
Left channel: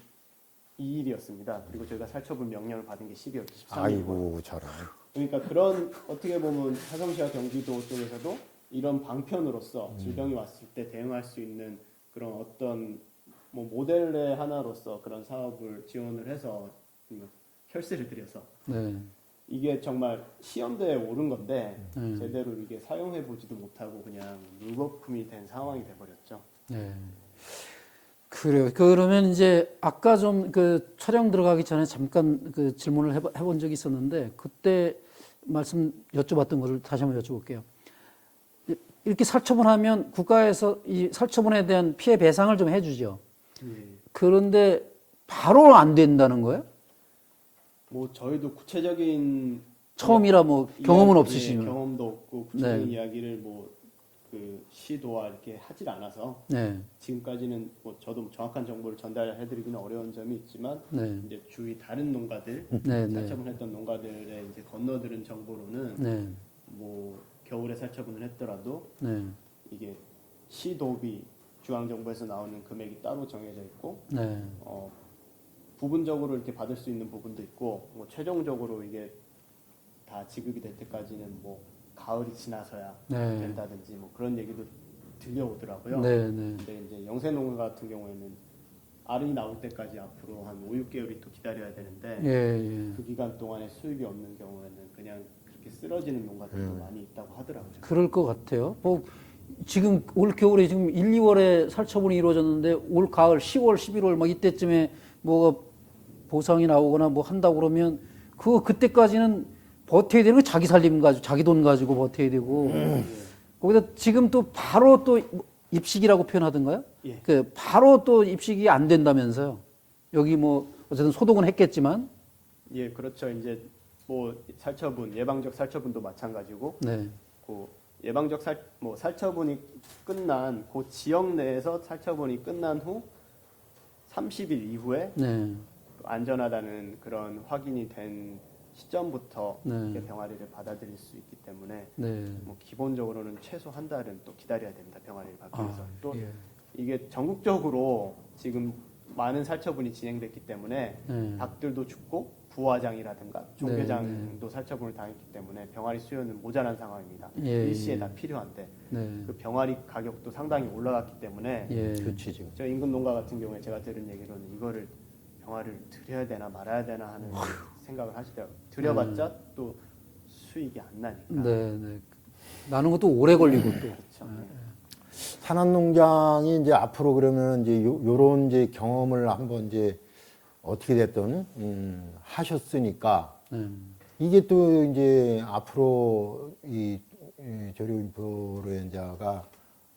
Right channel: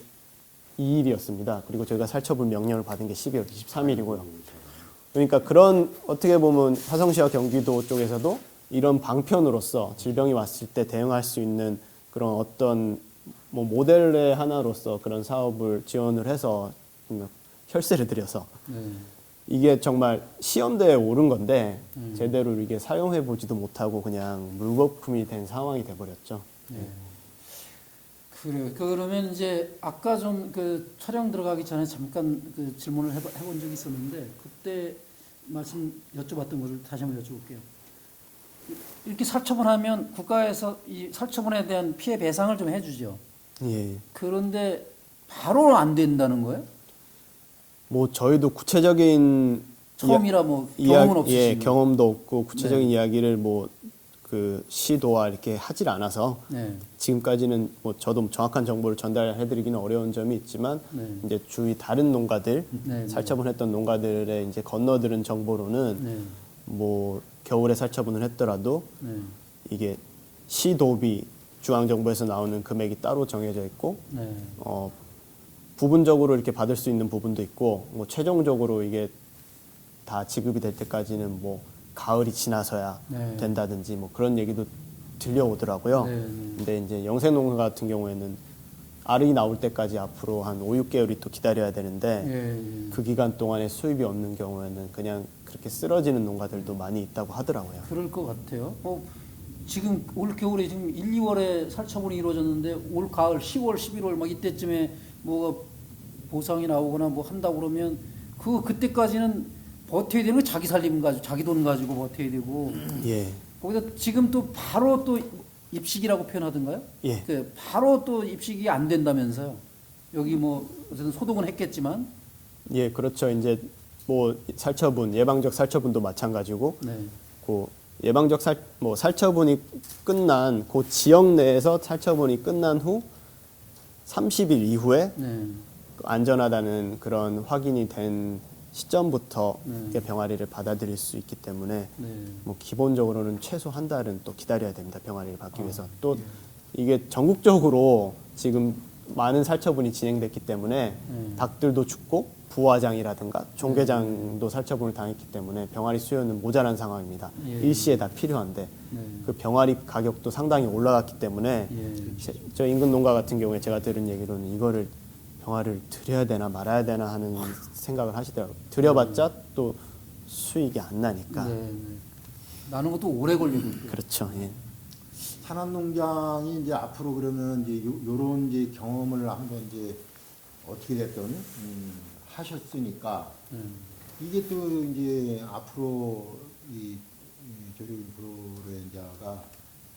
22일이었습니다. 그리고 저희가 살처분 명령을 받은 게 12월 23일이고요. 그러니까 그런 어떻게 보면 화성시와 경기도 쪽에서도 이런 방편으로서 질병이 왔을 때 대응할 수 있는 그런 어떤 뭐 모델의 하나로서 그런 사업을 지원을 해서 혈세를 들여서 이게 정말 시험대에 오른 건데 제대로 이게 사용해 보지도 못하고 그냥 물거품이 된 상황이 돼버렸죠. 그래요. 그러면 이제 아까 좀 그 촬영 들어가기 전에 잠깐 그 질문을 해본 적이 있었는데 그때 말씀 여쭤봤던 것을 다시 한번 여쭤볼게요. 이렇게 살처분하면 국가에서 이 살처분에 대한 피해 배상을 좀 해주죠. 예. 그런데 바로 안 된다는 거예요? 뭐 저희도 구체적인 처음이라 뭐 경험은 없으시고 예, 경험도 없고 구체적인 이야기를 뭐 그 시도와 이렇게 하질 않아서 지금까지는 뭐 저도 정확한 정보를 전달해드리기는 어려운 점이 있지만 이제 주위 다른 농가들 살처분했던 농가들의 이제 건너들은 정보로는 뭐 겨울에 살처분을 했더라도 이게 시도비 중앙정부에서 나오는 금액이 따로 정해져 있고 부분적으로 이렇게 받을 수 있는 부분도 있고 뭐 최종적으로 이게 다 지급이 될 때까지는 뭐 가을이 지나서야 된다든지 뭐 그런 얘기도 들려오더라고요. 근데 이제 영세농가 같은 경우에는 알이 나올 때까지 앞으로 한 5, 6개월이 또 기다려야 되는데 그 기간 동안에 수입이 없는 경우에는 그냥 그렇게 쓰러지는 농가들도 많이 있다고 하더라고요. 그럴 것 같아요. 지금 올 겨울에 지금 1, 2월에 살처분이 이루어졌는데 올 가을 10월, 11월 막 이때쯤에 뭐가 보상이 나오거나 뭐 한다고 그러면 그때까지는 버텨야 되는 거 자기 살림 가지고 자기 돈 가지고 버텨야 되고 거기다 지금 또 바로 또 입식이라고 표현하던가요? 그 바로 또 입식이 안 된다면서요? 여기 뭐 어쨌든 소독은 했겠지만 예, 그렇죠. 이제 뭐 살처분, 예방적 살처분도 마찬가지고 그 예방적 살처분이 끝난 그 지역 내에서 살처분이 끝난 후 30일 이후에 안전하다는 그런 확인이 된 시점부터 병아리를 받아들일 수 있기 때문에 뭐 기본적으로는 최소 한 달은 또 기다려야 됩니다. 병아리를 받기 위해서. 또 이게 전국적으로 지금 많은 살처분이 진행됐기 때문에 닭들도 죽고 부화장이라든가 종개장도 살처분을 당했기 때문에 병아리 수요는 모자란 상황입니다. 일시에 다 필요한데 그 병아리 가격도 상당히 올라갔기 때문에 저 인근 농가 같은 경우에 제가 들은 얘기로는 이거를 병아리를 드려야 되나 말아야 되나 하는 생각을 하시더라고요. 드려봤자 또 수익이 안 나니까. 나는 것도 오래 걸리고. 그렇죠. 산업농장이 이제 앞으로 그러면 이제 요런 이제 경험을 한번 이제 어떻게 됐든 하셨으니까 이게 또 이제 앞으로 이 조류 인플루엔자가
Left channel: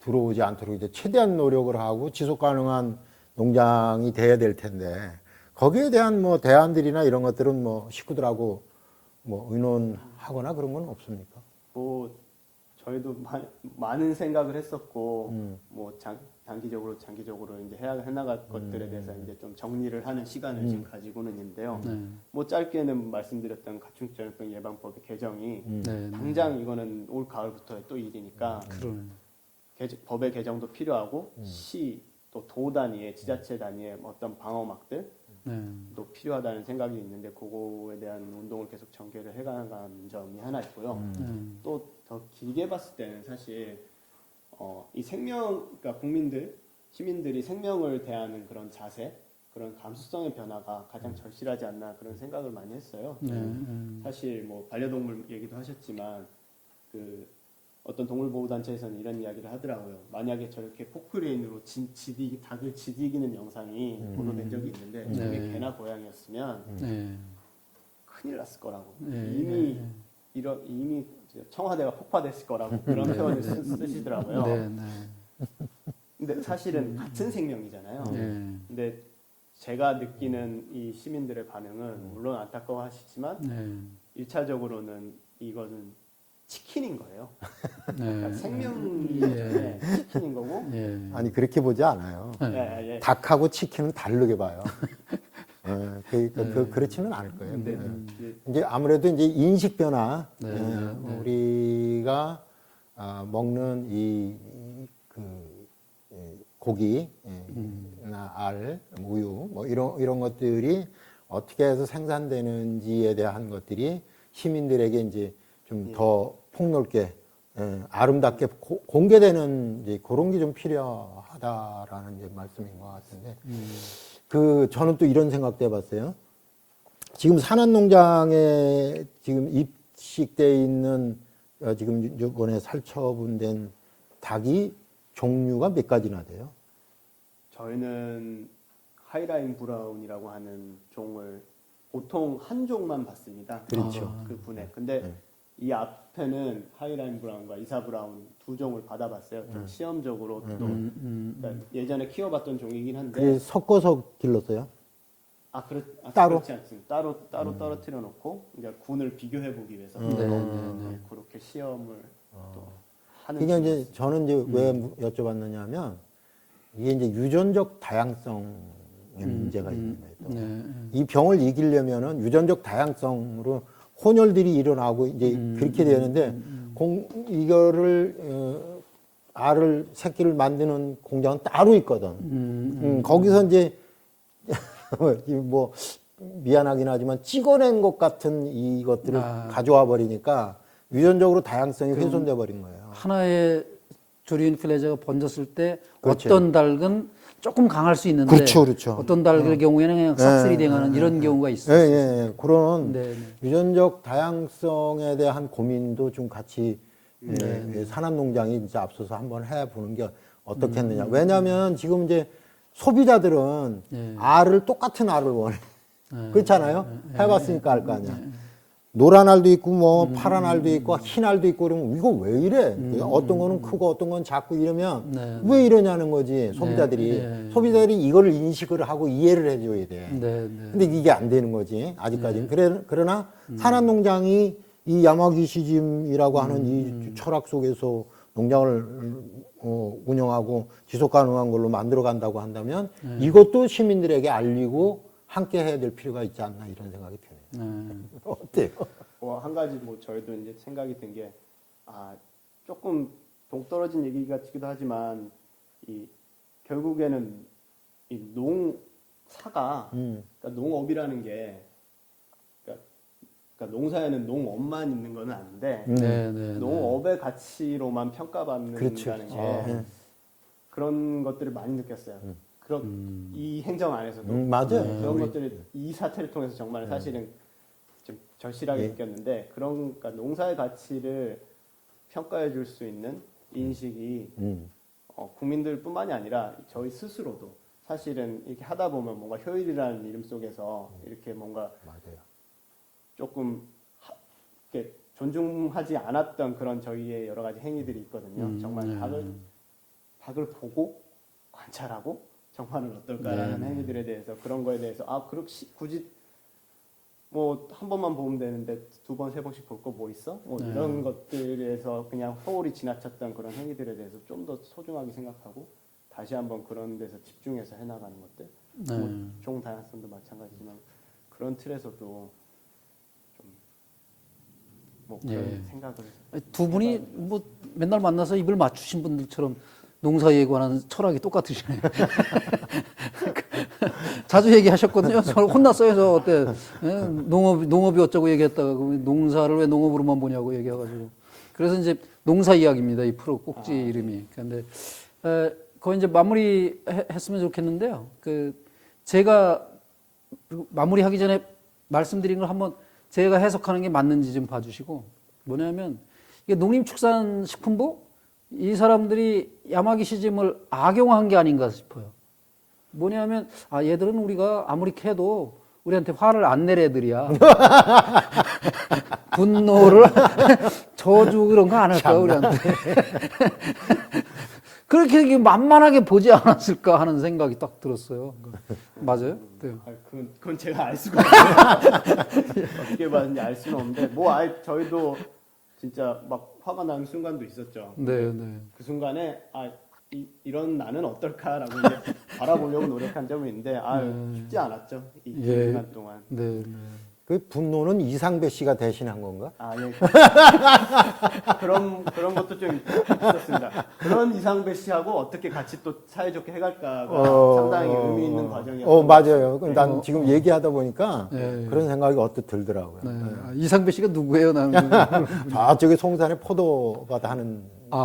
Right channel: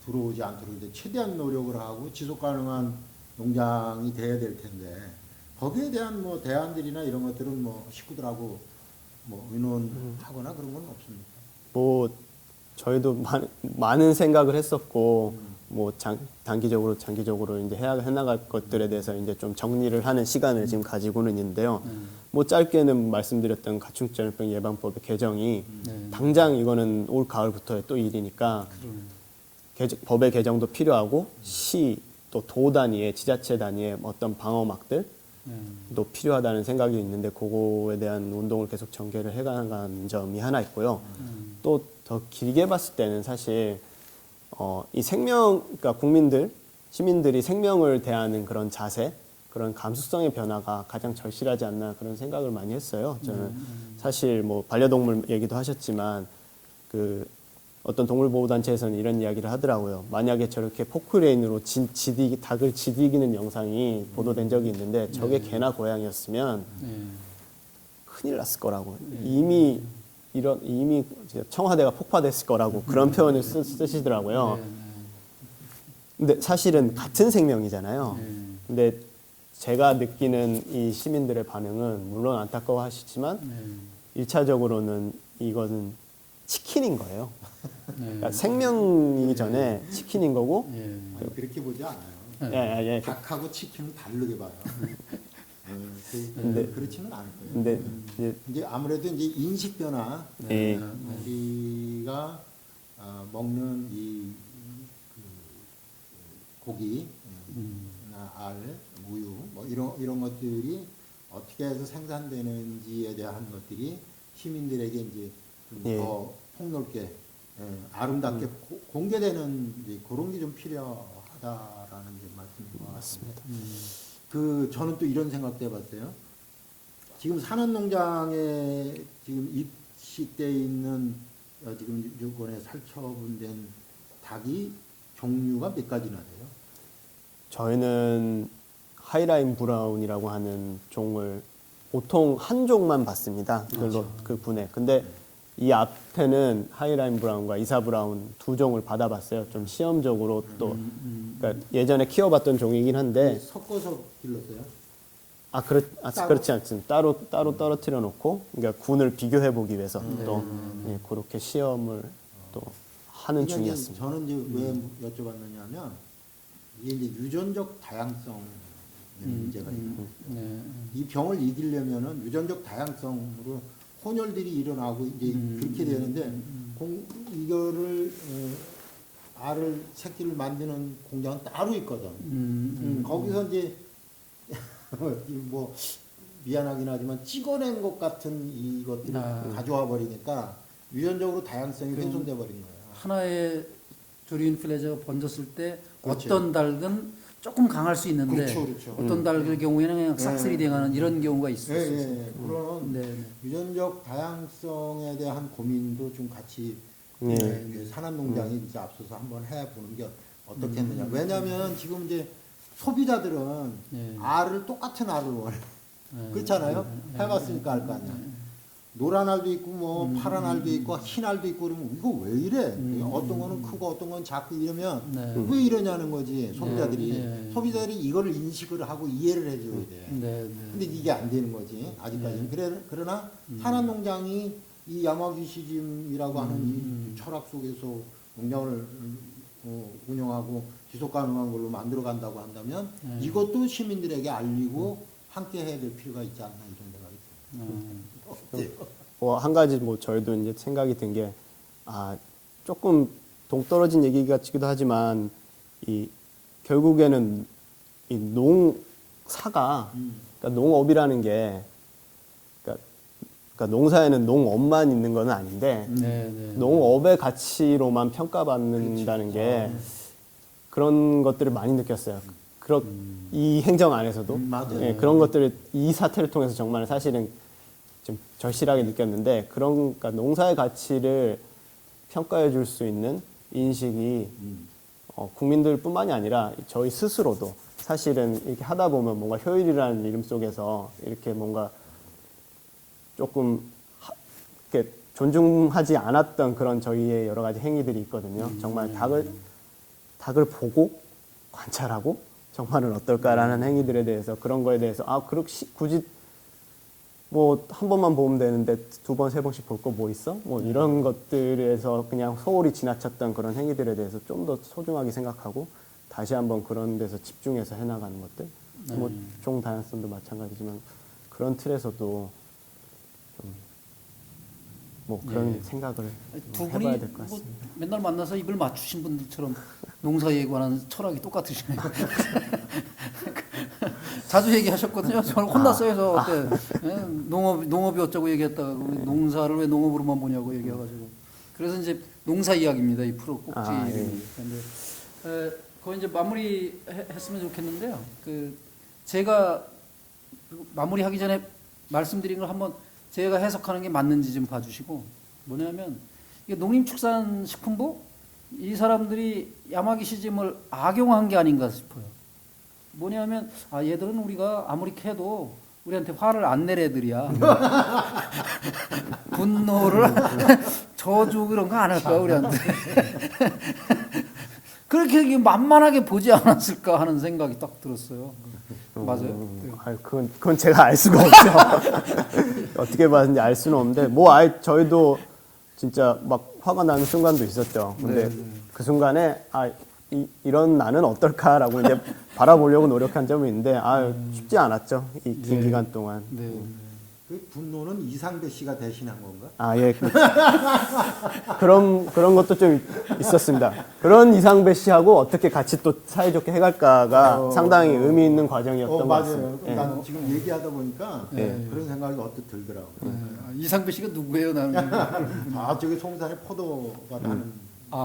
들어오지 않도록 이제 최대한 노력을 하고 지속 가능한 농장이 돼야 될 텐데 거기에 대한 뭐 대안들이나 이런 것들은 뭐 식구들하고 뭐 의논하거나 그런 건 없습니까? 뭐 저희도 많은 생각을 했었고 뭐 단기적으로 장기적으로 이제 해나갈 것들에 대해서 이제 좀 정리를 하는 시간을 지금 가지고는 있는데요. 뭐 짧게는 말씀드렸던 가축전염병 예방법의 개정이 당장 이거는 올 가을부터의 또 일이니까 법의 개정도 필요하고 시 또 도 단위의 지자체 단위의 어떤 방어막들 도 필요하다는 생각이 있는데 그거에 대한 운동을 계속 전개를 해가는 점이 하나 있고요. 또 더 길게 봤을 때는 사실 이 그러니까 시민들이 생명을 대하는 그런 자세, 그런 감수성의 변화가 가장 절실하지 않나 그런 생각을 많이 했어요. 저는 사실 뭐 반려동물 얘기도 하셨지만 그 어떤 동물보호단체에서는 이런 이야기를 하더라고요. 만약에 저렇게 포크레인으로 닭을 지디기는 영상이 보도된 적이 있는데 저게 개나 고양이였으면 큰일 났을 거라고. 이미 청와대가 폭파됐을 거라고 그런 표현을 쓰시더라고요. 근데 사실은 같은 생명이잖아요. 근데 제가 느끼는 이 시민들의 반응은 물론 안타까워하시지만 1차적으로는 이거는 치킨인 거예요. 그러니까 생명이기 전에 치킨인 거고. 아니 그렇게 보지 않아요. 예. 닭하고 치킨은 다르게 봐요. 그렇지는 않을 거예요. 근데 이제 아무래도 이제 인식 변화, 우리가 먹는 그 고기, 알, 우유, 뭐 이런 것들이 어떻게 해서 생산되는지에 대한 것들이 시민들에게 이제 좀 더 폭넓게, 아름답게 공개되는 이제 그런 게 좀 필요하다라는 이제 말씀인 것 같습니다. 저는 또 이런 생각도 해봤어요. 지금 산안농장에 지금 입식돼 있는 지금 이번에 살처분된 닭이 종류가 몇 가지나 돼요? 저희는 하이라인 브라운이라고 하는 종을 보통 한 종만 봤습니다. 그렇죠. 그 군에. 근데 이 앞에는 하이라인 브라운과 이사 브라운 두 종을 받아봤어요. 좀 시험적으로 또 그러니까 예전에 키워봤던 종이긴 한데 섞어서 길렀어요? 그렇지 않습니다. 따로 떨어뜨려 놓고 그러니까 군을 비교해 보기 위해서 또 그렇게 시험을 또 하는 그러니까 중이었습니다. 이제 저는 이제 왜 여쭤봤느냐면 이게 이제 유전적 다양성의 문제가 있는 거예요. 이 병을 이기려면은 유전적 다양성으로 혼혈들이 일어나고 이제 그렇게 되는데 이거를 새끼를 만드는 공장은 따로 있거든. 거기서 이제 뭐 미안하긴 하지만 찍어낸 것 같은 이것들을 가져와 버리니까 유전적으로 다양성이 훼손돼 버린 거예요. 하나의 조류 인플루엔자가 번졌을 때 그렇죠. 어떤 닭은 조금 강할 수 있는데 그렇죠. 어떤 닭의 경우에는 그냥 싹쓸이 돼가는 이런 경우가 있어요. 그런 유전적 다양성에 대한 고민도 좀 같이 산업농장이 진짜 앞서서 한번 해보는 게 어떻겠느냐. 왜냐하면 지금 이제 소비자들은 똑같은 알을 원해. 그렇잖아요. 해봤으니까 알 거 아니야. 노란 알도 있고 뭐 파란 알도 있고 흰 알도 있고 그러면 이거 왜 이래? 어떤 거는 크고 어떤 건 작고 이러면 왜 이러냐는 거지 소비자들이. 소비자들이 이거를 인식을 하고 이해를 해줘야 돼. 근데 이게 안 되는 거지 아직까지는. 그러나 산안농장이 이 야마기시즘이라고 하는 이 철학 속에서 농장을 운영하고 지속 가능한 걸로 만들어 간다고 한다면 이것도 시민들에게 알리고 함께 해야 될 필요가 있지 않나 이런 생각이 듭니다. 어때요? 한 가지 저희도 이제 생각이 든 게 조금 동떨어진 얘기 같기도 하지만 결국에는 이 농사가 그러니까 농업이라는 게 그러니까 농사에는 농업만 있는 건 아닌데 농업의 가치로만 평가받는다는 게 그런 것들을 많이 느꼈어요. 이 행정 안에서도 맞아요. 그런 것들을 이 사태를 통해서 정말 사실은 좀 절실하게 느꼈는데 그러니까 농사의 가치를 평가해 줄 수 있는 인식이 국민들뿐만이 아니라 저희 스스로도 사실은 이렇게 하다 보면 뭔가 효율이라는 이름 속에서 이렇게 뭔가 조금 이렇게 존중하지 않았던 그런 저희의 여러 가지 행위들이 있거든요. 정말 닭을 보고 관찰하고 정말은 어떨까라는 행위들에 대해서 그런 거에 대해서 굳이 뭐 한 번만 보면 되는데 두 번, 세 번씩 볼 거 뭐 있어? 뭐 이런 것들에서 그냥 소홀히 지나쳤던 그런 행위들에 대해서 좀 더 소중하게 생각하고 다시 한번 그런 데서 집중해서 해나가는 것들. 뭐 종 다양성도 마찬가지지만 그런 틀에서도 뭐 그런 생각을 두 분이 해봐야 될것 뭐 같습니다. 맨날 만나서 입을 맞추신 분들처럼 농사에 관한 철학이 똑같으시네요. 자주 얘기하셨거든요. 저를 혼났어요. 저 그때 농업이 어쩌고 얘기했다가 농사를 왜 농업으로만 보냐고 얘기해가지고 그래서 이제 농사 이야기입니다. 이 프로 꼭지 이름이. 그런데 거의 이제 마무리 했으면 좋겠는데요. 그 제가 마무리하기 전에 말씀드린 걸 한번 제가 해석하는 게 맞는지 좀 봐주시고 뭐냐면 이게 농림축산식품부 이 사람들이 야마기 시즘을 악용한 게 아닌가 싶어요. 뭐냐면 얘들은 우리가 아무리 캐도 우리한테 화를 안 낼 애들이야. 분노를 저주 그런 거 안 할 거야 우리한테. 그렇게 만만하게 보지 않았을까 하는 생각이 딱 들었어요. 맞아요? 네. 그건 제가 알 수가 없어요. 어떻게 봤는지 알 수는 없는데 뭐 저희도 진짜 막 화가 나는 순간도 있었죠. 근데 그 순간에 이런 나는 어떨까라고 이제 바라보려고 노력한 점이 있는데 쉽지 않았죠. 이 긴 기간 동안. 그 분노는 이상배 씨가 대신한 건가? 예. 그런 것도 좀 있었습니다. 그런 이상배 씨하고 어떻게 같이 또 사이좋게 해갈까가 상당히 의미 있는 과정이었던 것 맞아요. 같습니다. 난 지금 얘기하다 보니까 그런 생각이 언뜻 들더라고요. 이상배 씨가 누구예요? 나는 지금. 저기 송산에 포도가 나는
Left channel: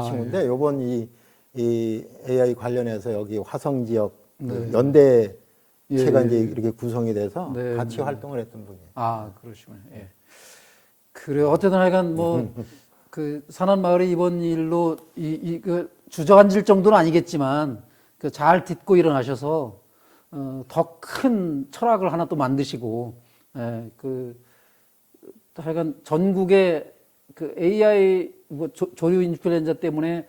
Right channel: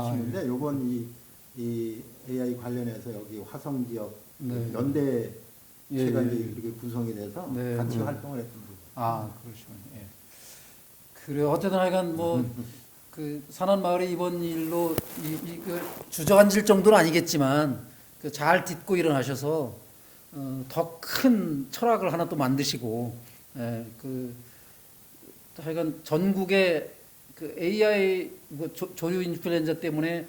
친구인데 요번 이 AI 관련해서 여기 화성 지역 연대 제가 이제 이렇게 구성이 돼서 같이 활동을 했던 분이에요. 그러시군요. 예. 그래요. 어쨌든 하여간 그 산안마을의 이번 일로 그 주저앉을 정도는 아니겠지만 그 잘 딛고 일어나셔서 더 큰 철학을 하나 또 만드시고 그 하여간 전국에 그 AI 뭐 조류 인플루엔자 때문에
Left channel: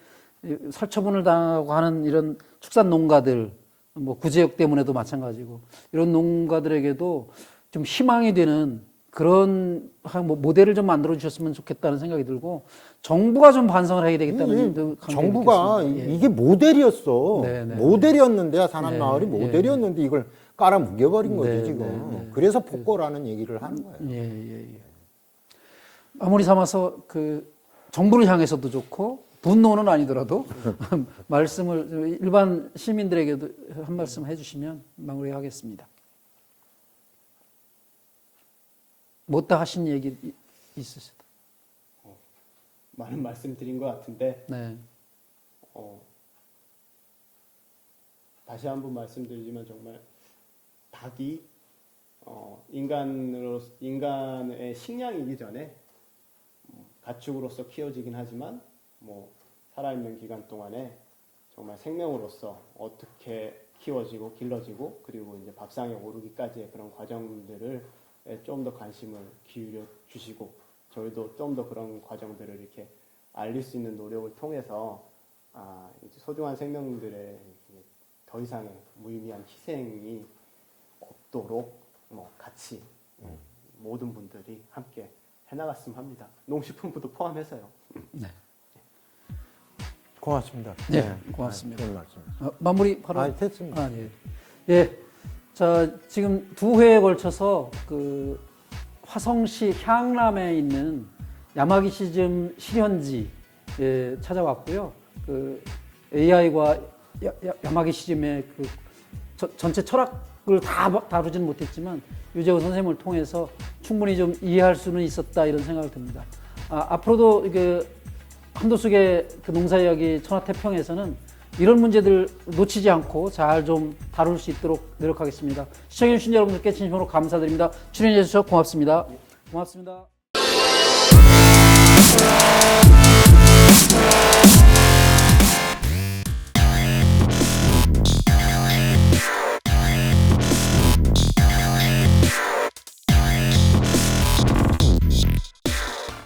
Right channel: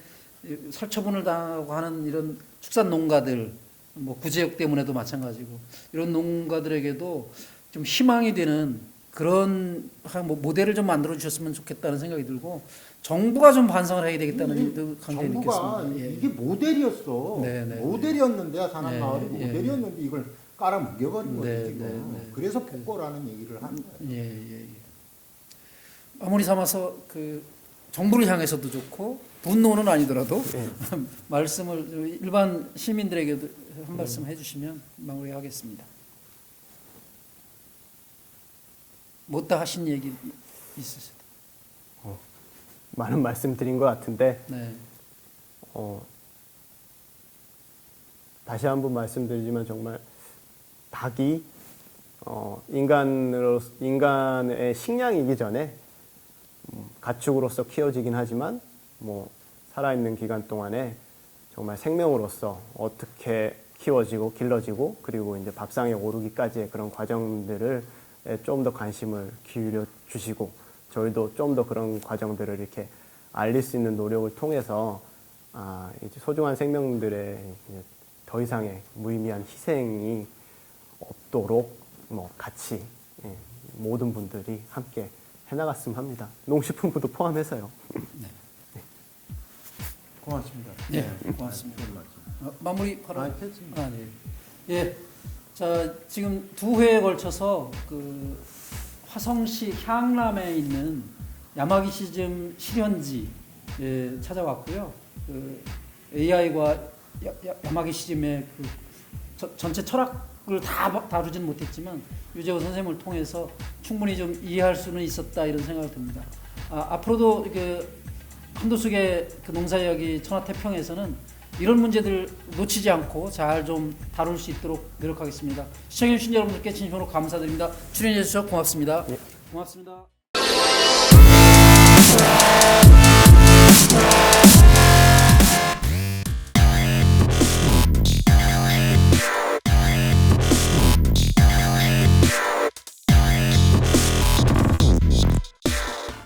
살처분을 당하고 하는 이런 축산 농가들 뭐 구제역 때문에도 마찬가지고 이런 농가들에게도 좀 희망이 되는 그런 뭐 모델을 좀 만들어 주셨으면 좋겠다는 생각이 들고 정부가 좀 반성을 해야 되겠다는 정부가 느꼈습니다. 이게 모델이었어. 네네. 모델이었는데 산안마을이 모델이었는데 이걸 깔아 뭉개버린 거지 지금. 그래서 복고라는 얘기를 하는 거예요. 아무리 삼아서 그 정부를 향해서도 좋고 분노는 아니더라도 말씀을 일반 시민들에게도 한 말씀 해주시면 마무리하겠습니다. 못다 하신 얘기 있으시다. 많은 말씀 드린 것 같은데 다시 한번 말씀드리지만 정말 닭이 인간의 식량이기 전에 가축으로서 키워지긴 하지만 뭐 살아있는 기간 동안에 정말 생명으로서 어떻게 키워지고 길러지고 그리고 이제 밥상에 오르기까지의 그런 과정들을 좀 더 관심을 기울여 주시고 저희도 좀 더 그런 과정들을 이렇게 알릴 수 있는 노력을 통해서 이제 소중한 생명들의 더 이상의 무의미한 희생이 없도록 뭐 같이 모든 분들이 함께 해나갔으면 합니다. 농식품부도 포함해서요. 고맙습니다. 고맙습니다. 좋은 말씀. 마무리 바로. 됐습니다. 예. 자, 지금 2회에 걸쳐서 그 화성시 향남에 있는 야마기 시즘 실현지에 찾아왔고요. 그 AI와 야마기 시즘의 그 전체 철학을 다 다루지는 못했지만 유재호 선생님을 통해서 충분히 좀 이해할 수는 있었다 이런 생각을 듭니다. 앞으로도 그 한도숙의 그 농사 이야기 천하태평에서는 이런 문제들 놓치지 않고 잘 좀 다룰 수 있도록 노력하겠습니다. 시청해주신 여러분들께 진심으로 감사드립니다. 출연해주셔서 고맙습니다. 고맙습니다.